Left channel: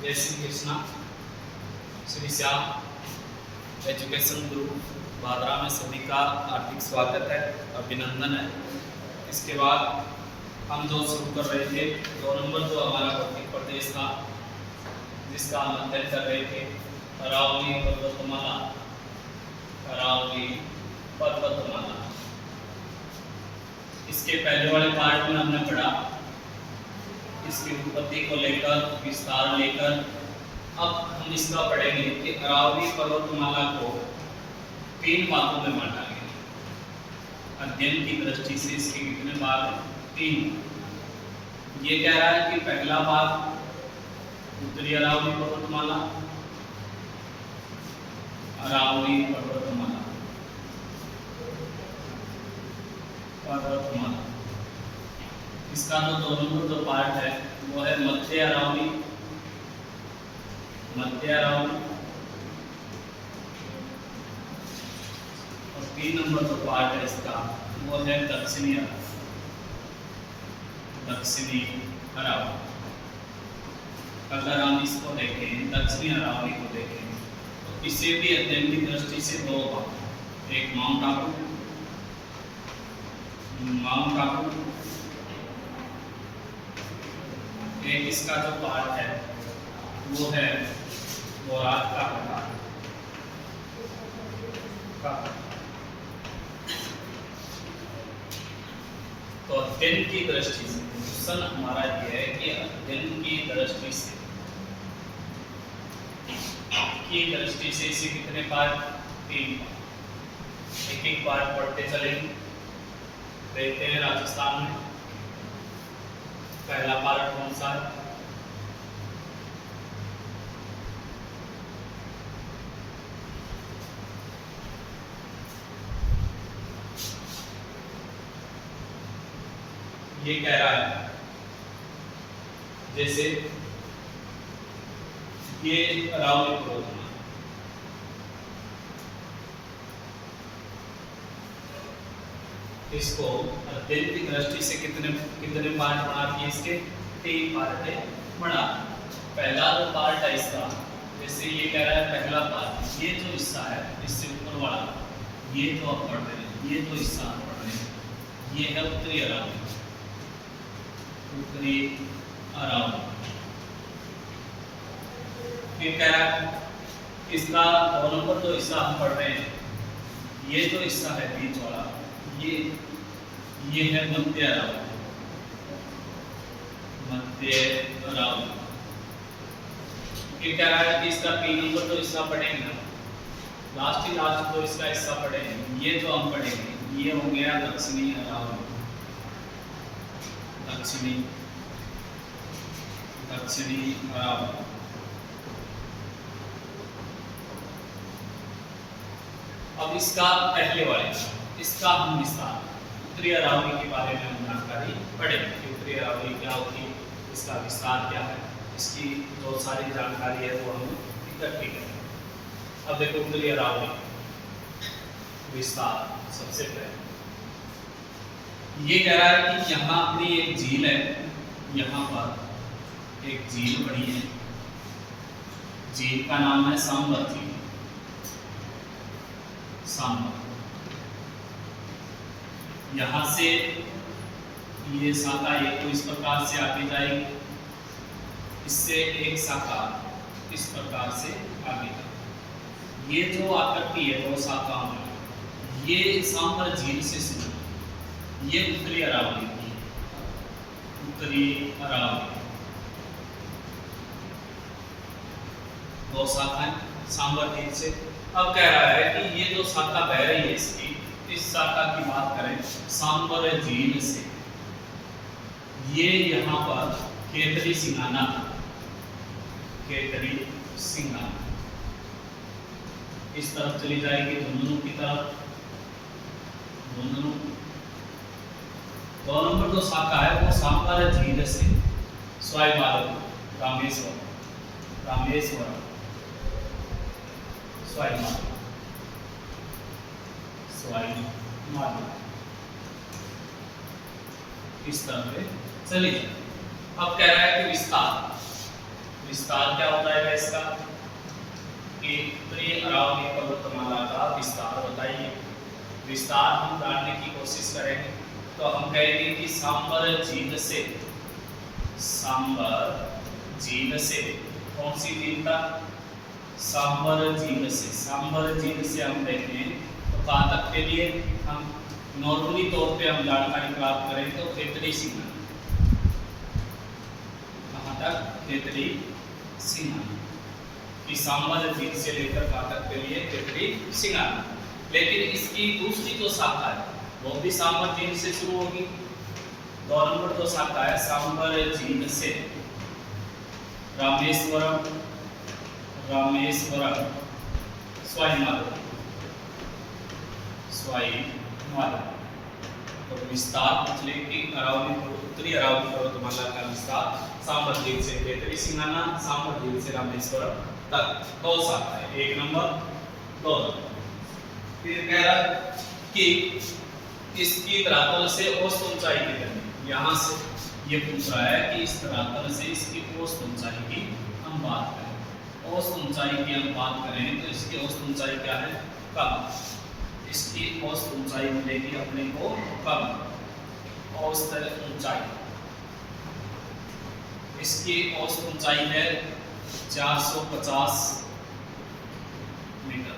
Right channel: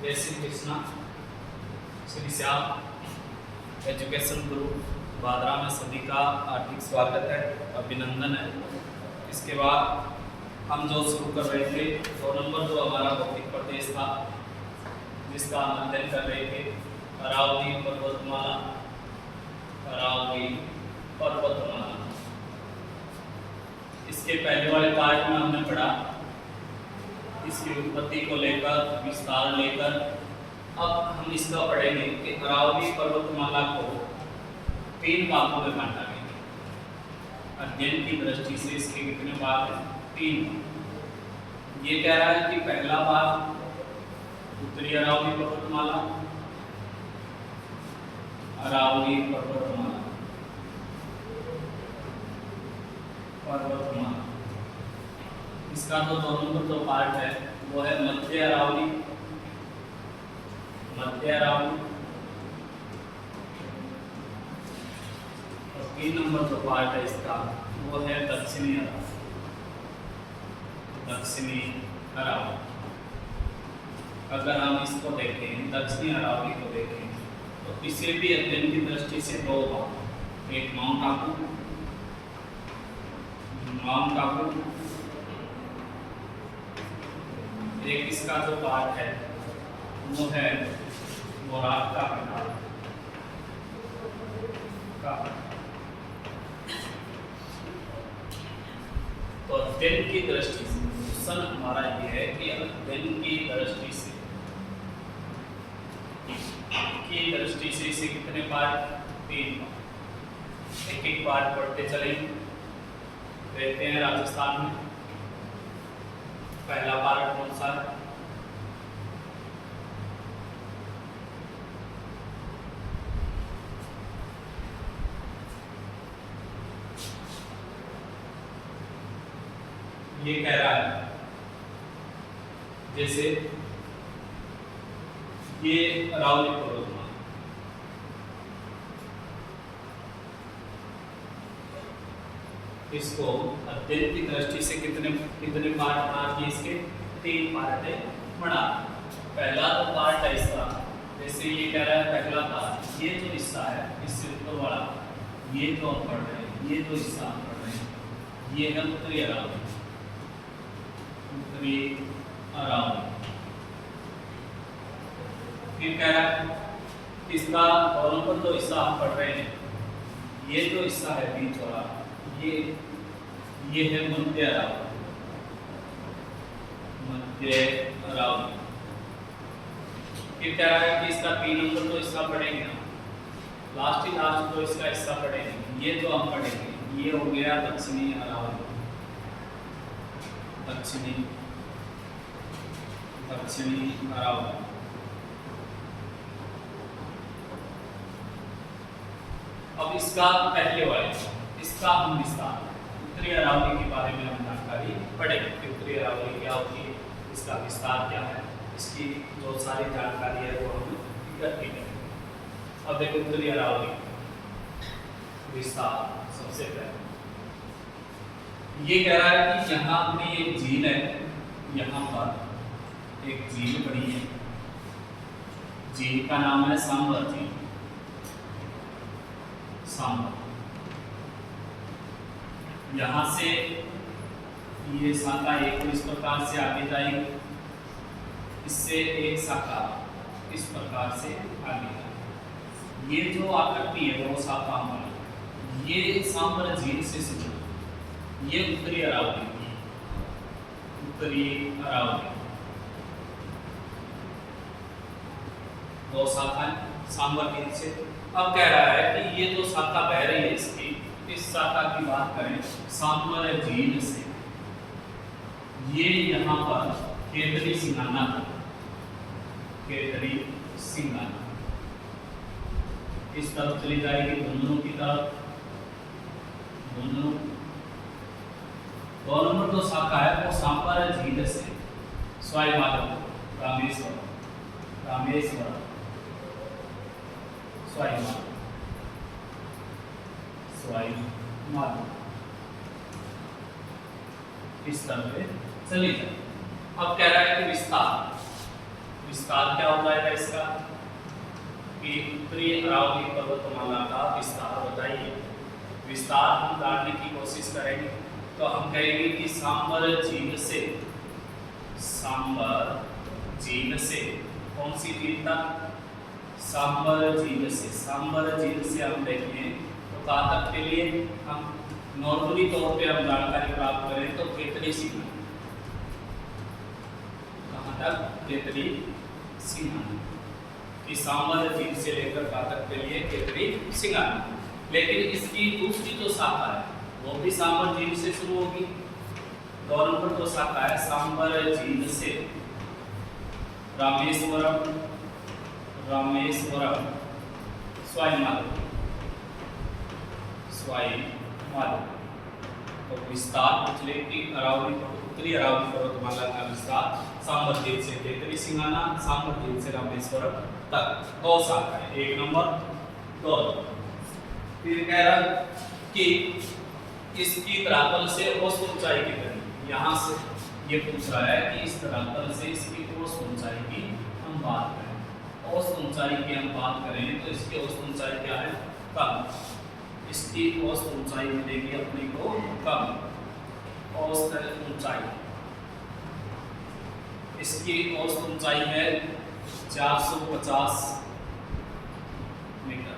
जय Shri Krishna. Shri Shyam education group Bhadra में सभी का हार्दिक स्वागत है, अभिनंदन है। इसके बाद हम जो शुरू कर रहे थे 2 नंबर जो हमारा भौतिक प्रदेश था, जिसका हम अध्ययन कर रहे थे अरावली पर्वतमाला। अरावली पर्वतमाला, इसके पहले वाले पार्ट में हमने पढ़ा इसकी उत्पत्ति को लेकर, विस्तार लेकर। अब हम इसका पढ़ेंगे कि अरावली पर्वतमाला को 3 भागों में बांटा गया। अध्ययन की दृष्टि से इसके कितने भाग हैं? 3। ये कह रहा है कि पहला भाग उत्तरी अरावली पर्वतमाला, अरावली पर्वतमाला, पर्वतमाला। इसका जो 2 नंबर जो पार्ट है वो है मध्य अरावली, मध्य अरावली। और 3 नंबर जो पार्ट है इसका वो है दक्षिणी अरावली, दक्षिणी अरावली। अगर हम इसको देखें, दक्षिणी अरावली को देखें, तो इसे भी अध्ययन की दृष्टि से 2 भाग, एक माउंट आबू, माउंट आबू, एक इसका जो पार्ट है वो है बोरात का प्रकार का। तो अध्ययन की दृष्टि से क्वेश्चन हमारा ये है कि अध्ययन की दृष्टि से इसे कितने पार्ट? 3 पार्ट। एक एक पार्ट पढ़ते चलेंगे। देखते हैं राजस्थान में पहला पार्ट कौन सा है? ये कह रहा है जैसे ये अरावली पर्वतमाला, इसको अध्ययन की दृष्टि से कितने पार्ट बना दिए? इसके 3 पार्ट है बना। पहला जो पार्ट है इसका, जैसे ये कह रहा है पहला पार्ट, ये जो हिस्सा है इससे ऊपर वाला, ये जो आप पढ़ रहे हैं, ये जो हिस्सा आप पढ़ रहे हैं, ये है उत्तरी अरावली, उत्तरी अरावली। फिर कह रहा है इसका 2 नंबर जो हिस्सा हम पढ़ रहे हैं, ये जो हिस्सा है बीच वाला, ये है मध्य अरावली, मध्य अरावली। फिर कह रहा है कि इसका 3 नंबर जो हिस्सा पढ़ेंगे ना, लास्ट जो इसका हिस्सा पढ़ेंगे, ये जो हम पढ़ेंगे, ये हो गया दक्षिणी अरावली, दक्षिणी अरावली। अब इसका पहले वाले, इसका हम विस्तार उत्तरी अरावली के बारे में हम जानकारी पढ़ेंगे कि उत्तरी अरावली क्या होती है, इसका विस्तार क्या है, इसकी बहुत सारी जानकारी है वो हम इकट्ठी करेंगे। अब देखो उत्तरी अरावली विस्तार। सबसे पहले ये कह रहा है कि यहाँ अपनी एक झील है, यहाँ पर एक झील बनी है, झील का नाम है सांबर झील, सांबर। यहाँ से ये शाखा एक तो इस प्रकार से आगे जाएगी, इससे एक शाखा इस प्रकार से आगे जाएगी। ये जो आकृति है वो शाखा हमारी, ये सांबर झील से शुरू, ये उत्तरी अरावली की, उत्तरी अरावली 2 शाखाएं सांबर झील से। अब कह रहा है कि ये जो शाखा बह रही है इसकी, इस शाखा की बात करें सांबर झील से, ये यहाँ पर केतरी सिंगाना था, केतरी सिंगाना इस तरफ चली जाएगी, झुंझुनू की तरफ, झुंझुनू। 2 नंबर जो शाखा है वो सांबर झील से स्वाई माधोपुर, रामेश्वरम, रामेश्वरम, स्वाई माधोपुर, स्वाई माधोपुर, इस तरह से चली जाए। अब कह रहा है कि विस्तार, विस्तार क्या हो जाएगा इसका कि उत्तरी अरावली पर्वतमाला का विस्तार बताइए। विस्तार हम जानने की कोशिश करेंगे तो हम कहेंगे कि सांबर झील से कौन सी झील था? सांबर झील से हम देखें तो कहाँ तक के लिए हम नॉर्मली तौर पे हम जानकारी प्राप्त करें तो खेतड़ी सिंघानी, कहाँ तक? खेतड़ी सिंघानी। इस सांबर झील से लेकर कहाँ तक के लिए? खेतड़ी सिंघानी। लेकिन इसकी दूसरी जो शाखा है वो भी सांबर झील से शुरू होगी। 2 नंबर जो शाखा है सांबर झील से रामेश्वरम स्वाई माधव। तो विस्तार पिछले की अरावली उत्तरी अरावली पर्वतमाला का विस्तार सांबर झील से खेतड़ी सिंघाना, सांबर झील से रामेश्वरम तक 2 शाखाएं, 1 नंबर 2। फिर कह रहा कि इसकी धरातल से औसत ऊंचाई कितनी, यहाँ से ये पूछ रहा है कि इस धरातल से इसकी औसत ऊंचाई की हम बात करें। औसत ऊंचाई की हम बात करें तो इसकी औसत ऊंचाई क्या है? कम। इसकी औसत ऊंचाई मिलेगी अपने को कम। औसत ऊंचाई, इसकी औसत ऊंचाई है 450 मीटर।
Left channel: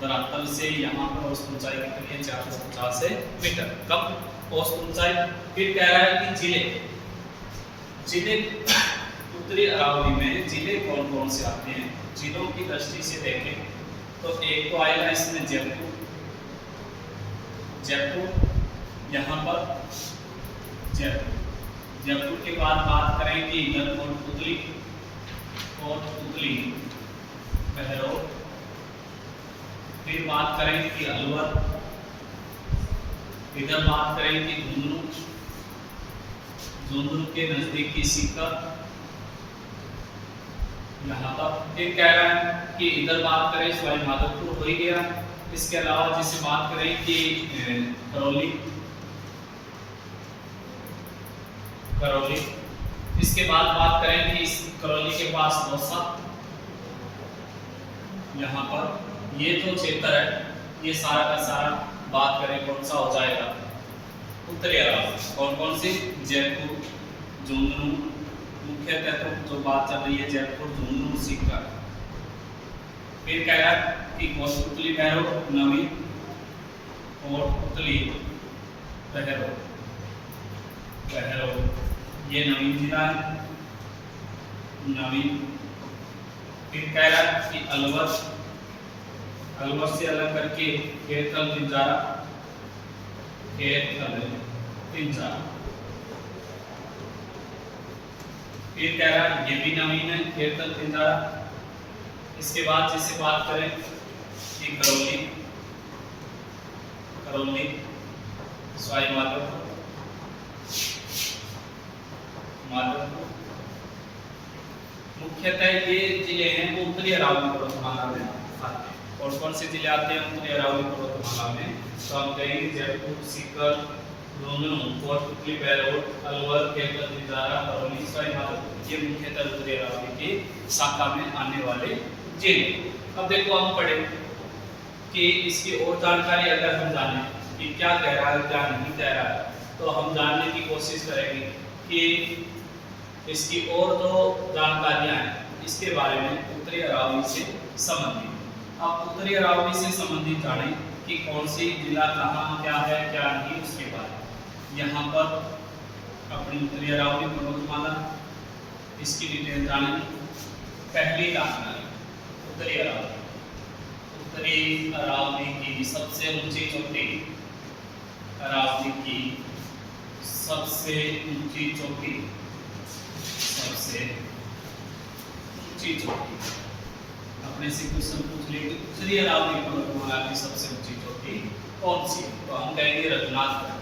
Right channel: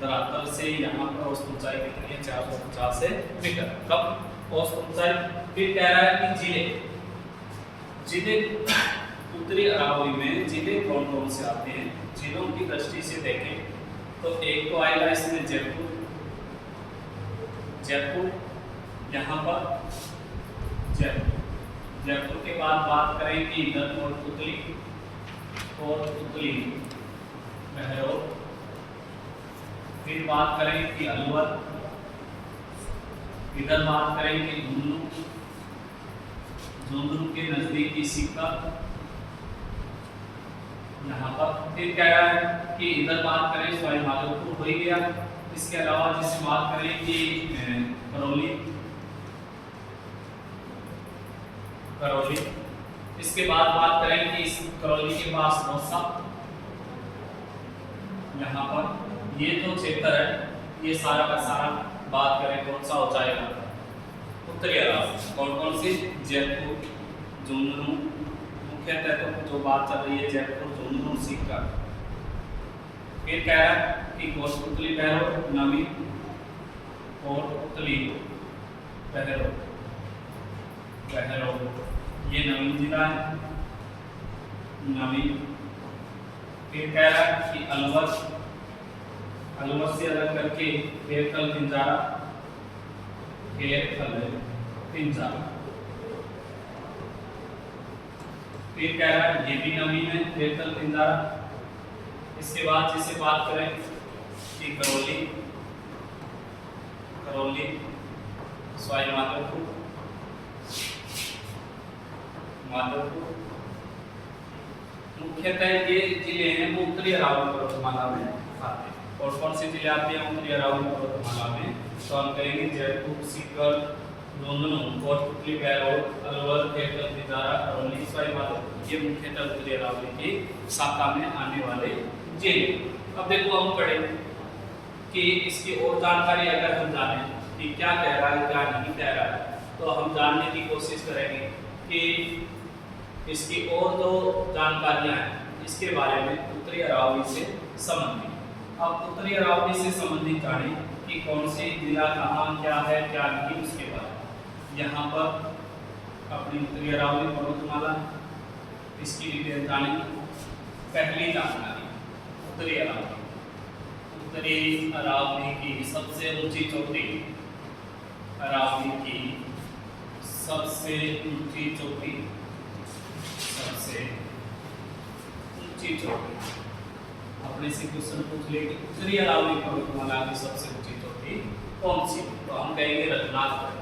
धरातल से यहाँ पर औसत ऊंचाई कितनी है? 450 मीटर। कब औसत ऊंचाई? फिर कह रहा है कि जिले उत्तरी अरावली में जिले कौन कौन से आते हैं? जिलों की दृष्टि से देखें तो एक तो आएगा इसमें जयपुर, यहाँ पर जयपुर के बाद बात करें कि इधर कोटपुतली, बहरौल। फिर बात करें कि अलवर, इधर बात करें कि झुंझुनू के नजदीकी सीकर, यहाँ पर। फिर कह रहा है कि इधर बात करें सवाई माधोपुर हो ही गया। इसके अलावा जिससे बात करें कि करौली, इसके बाद बात करें कि इस करौली के पास दौसा, यहाँ पर ये जो क्षेत्र है ये सारा का सारा बात करें कौन सा हो जाएगा? उत्तरी अरावली। कौन कौन सी? जयपुर, झुंझुनू, मुख्यतः तो जो बात चल रही है जयपुर, झुंझुनू, सीकर। फिर कह रहा है कि कोटपुतली, बहरौल, नवीन, कोटपुतली, बहरौल, ये नवीन जिला है, नवीन। फिर कह रहा है कि अलवर से अलग करके खेरथल, पिंजारा। फिर कह रहा है ये भी नवीन है, खेरथल, पिंजारा। इसके बाद जिससे बात करें कि करौली, सवाई माधोपुर, मुख्यतः ये जिले हैं वो उत्तरी अरावली पर्वतमाला में आते हैं। और कौन से जिले आते हैं उत्तरी अरावली पर्वतमाला में? तो हम कहेंगे जयपुर, सीकर, झुंझुनू, कोटपुतली, बहरौल, अलवर, खेरथल, पिंजारा, करौली, सवाई माधोपुर। ये मुख्यतः उत्तरी अरावली की शाखा में आने वाले जिले। अब देखो हम पढ़े कि इसकी और जानकारी अगर हम जाने कि क्या कह रहा है क्या नहीं कह रहा है तो हम जानने की कोशिश करेंगे कि इसकी और जो जानकारियां हैं इसके बारे में उत्तरी अरावली से संबंधित। अब उत्तरी अरावली से संबंधित जाने कि कौन सी जिला कहाँ क्या है क्या नहीं उसके बारे में। यहाँ पर अपनी उत्तरी अरावली पर्वतमाला, इसकी डिटेल जानेंगे। पहली जानकारी उत्तरी अरावली की सबसे ऊंची चोटी, अरावली की सबसे ऊंची चोटी, अपने से क्वेश्चन पूछ ले कि उत्तरी अरावली पर्वतमाला की सबसे ऊंची चोटी कौन सी? तो हम कहेंगे रघुनाथगढ़।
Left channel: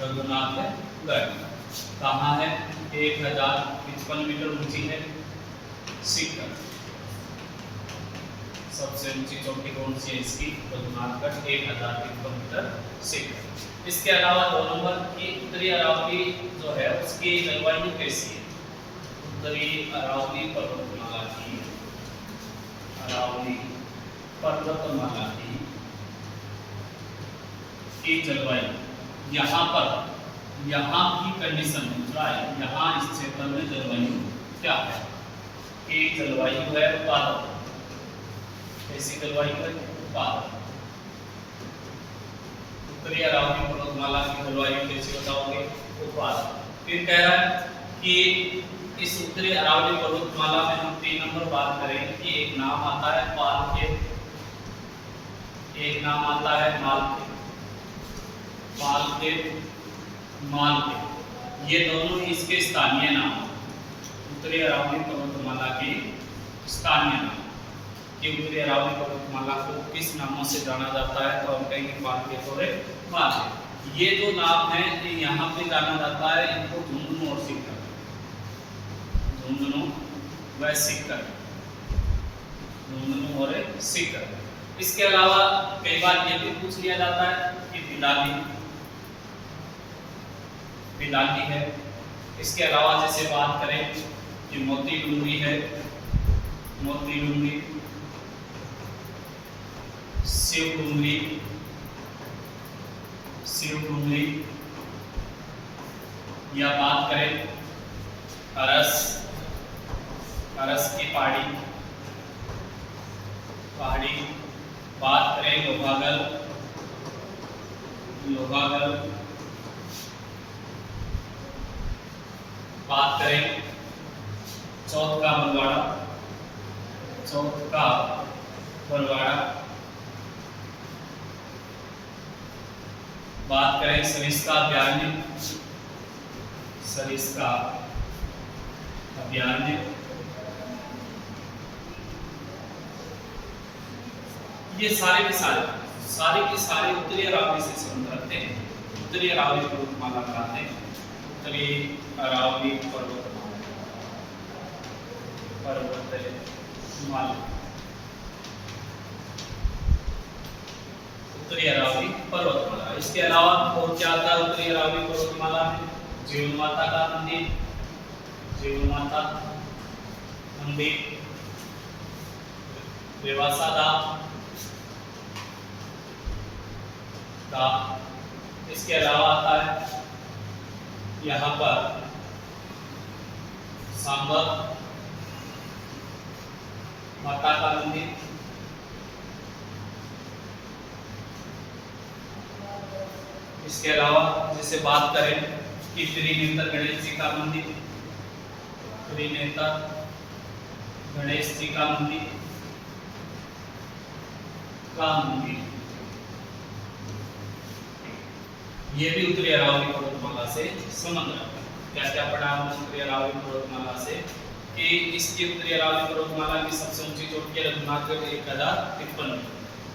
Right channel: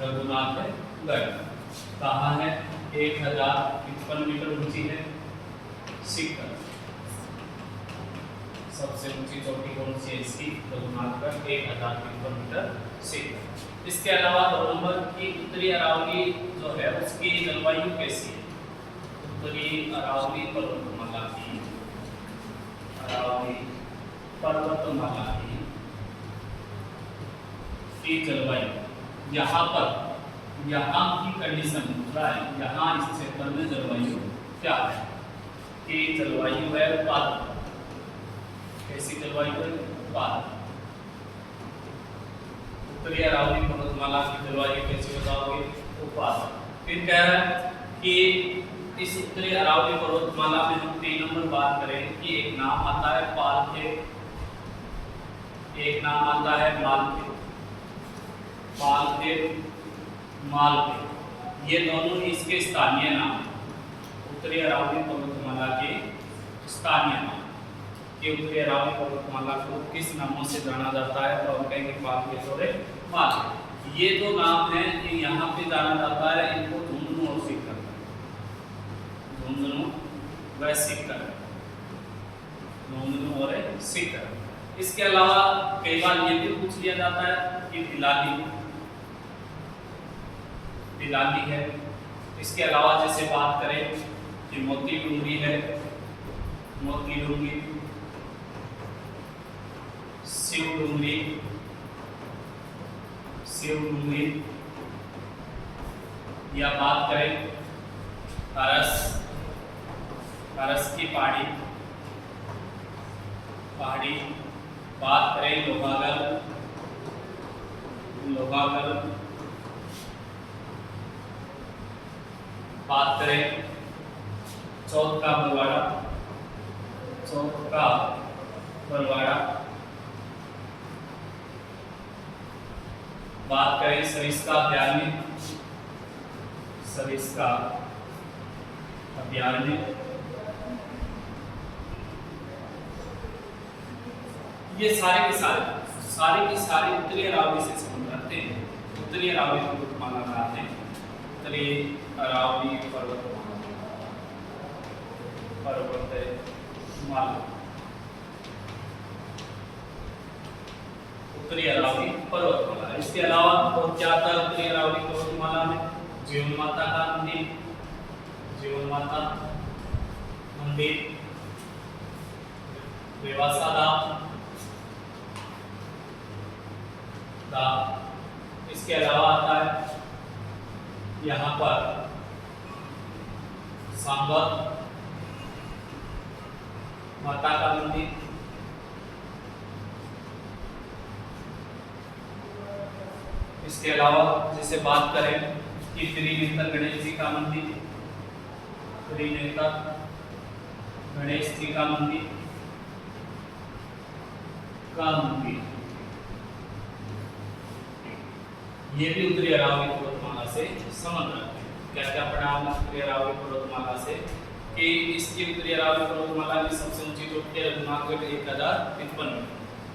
रघुनाथगढ़ कहाँ है? 1055 मीटर ऊंची है। सबसे ऊंची चोटी कौन सी है इसकी? Raghunathgarh 1053 metre second. इसके अलावा 2 नंबर की उत्तरी अरावली जो है उसकी जलवायु कैसी है? उत्तरी अरावली पर्वतमाला की जलवायु यहाँ की कंडीशन है, यहाँ इस क्षेत्र में जलवायु क्या है? कि जलवायु है उत्पादक। कैसी जलवायु है? उत्पादक। उत्तरी अरावली पर्वतमाला की जलवायु कैसी बताओगे? उत्पादक। फिर कह रहा है कि इस उत्तरी अरावली पर्वतमाला में हम 3 नंबर बात करें कि एक नाम आता है पालखेत, एक नाम आता है मालखेत। ये दोनों इसके स्थानीय नाम, उत्तरी अरावली पर्वतमाला के स्थानीय नाम। कि उत्तरी अरावली पर्वतमाला को किस नामों से जाना जाता है? तो हम कहेंगे पालखेत और मालखेत। ये जो नाम है ये यहाँ पे जाना जाता है, इनको झुंझुनू और सीकर, झुंझुनू व सीकर, झुंझुनू और सीकर। इसके अलावा कई बार ये भी पूछ लिया जाता है कि बिलाली है। इसके अलावा जैसे बात करें कि मोती डूंगरी है, मोती डूंगरी, शिव डूंगरी, या बात करें अरस की पहाड़ी, बात करें लोहागल, बात करें चौथ का बरवाड़ा, बात करें सरिस्का अभयारण्य, ये सारे के सारे उत्तरी अरावली से संबंध रखते हैं। उत्तरी अरावली पर्वतमाला का है उत्तरी अरावली पर्वतमाला, उत्तरी अरावली पर्वतमाला। इसके अलावा और क्या आता है उत्तरी अरावली पर्वतमाला में? जीवन माता का मंदिर, रेवासा धाम। इसके अलावा आता है यहाँ पर सांबर माता का मंदिर, इसके अलावा जैसे बात करें कि त्रिनेत्र गणेश जी का मंदिर, ये भी उत्तरी अरावली पर्वतमाला से संबंध रखते हैं। क्या पढ़ा हमने उत्तरी अरावली पर्वतमाला से? कि इसकी उत्तरी अरावली पर्वतमाला की सबसे ऊंची चोटी है रघुनाथगढ़ 1053।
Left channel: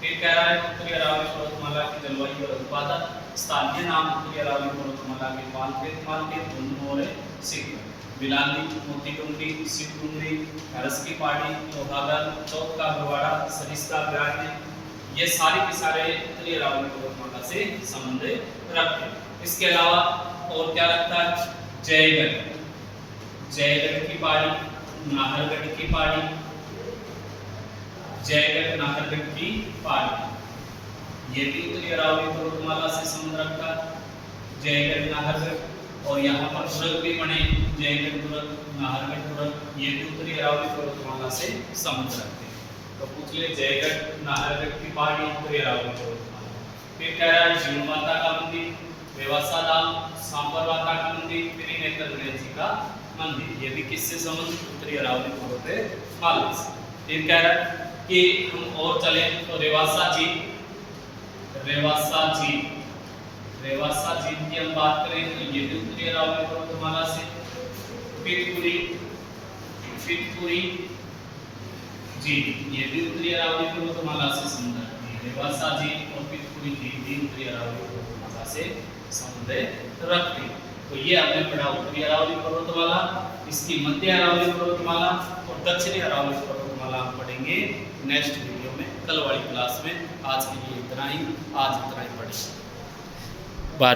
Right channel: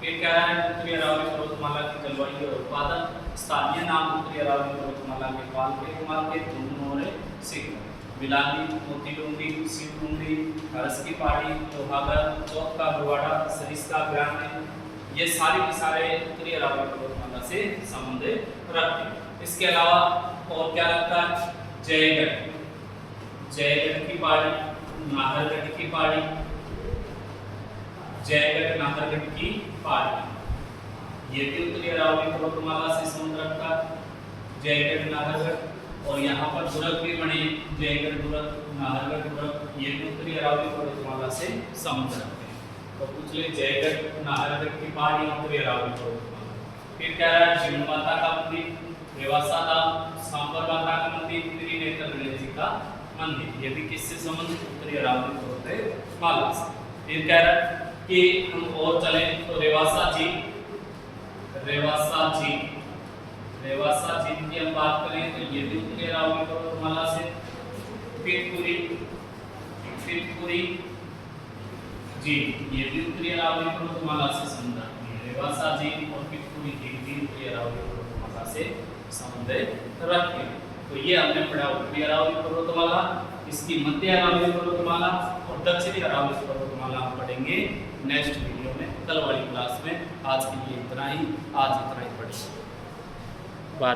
फिर कह रहा है उत्तरी अरावली पर्वतमाला की जलवायु और उत्पादन, स्थानीय नाम उत्तरी अरावली पर्वतमाला के पालखेत, झुंझुनू और सीकर, बिलाली, मोती डूंगरी, शिव डूंगरी, अरस की पहाड़ी, लोहागल, चौथ का बरवाड़ा, सरिस्का अभयारण्य, ये सारे के सारे उत्तरी अरावली पर्वतमाला से संबंध रखते हैं। इसके अलावा और क्या रखता है? जयगढ़ की पहाड़ी, नाहरगढ़ की पहाड़ी, ये भी उत्तरी अरावली पर्वतमाला से संबंध रखता है। जयगढ़, नाहरगढ़, और यहाँ पर दुर्ग भी बने, जयगढ़ दुर्ग, नाहरगढ़ दुर्ग, ये भी उत्तरी अरावली पर्वतमाला से संबंध रखते हैं। तो पूछ ले जयगढ़, नाहरगढ़ की पहाड़ी, उत्तरी अरावली पर्वतमाला। फिर कह रहा है जीवन माता का मंदिर, रेवासा धाम, सांबर माता का मंदिर, त्रिनेत्र गणेश जी का मंदिर, ये भी किससे संबंध? उत्तरी अरावली पर्वतमाला से। फिर कह रहा है कि हम और चले तो रेवासा झील की हम बात करें तो ये भी उत्तरी अरावली पर्वतमाला से। पितपुरी झील, ये भी उत्तरी अरावली पर्वतमाला से संबंध रखती है। रेवासा झील और पितपुरी झील भी उत्तरी अरावली पर्वतमाला से संबंध रखते हैं। तो ये हमने पढ़ा उत्तरी अरावली पर्वतमाला, इसकी मध्य अरावली पर्वतमाला और दक्षिणी अरावली पर्वतमाला हम पढ़ेंगे नेक्स्ट वीडियो में। कल वाली क्लास में। आज के लिए इतना ही, आज इतना ही पढ़ें।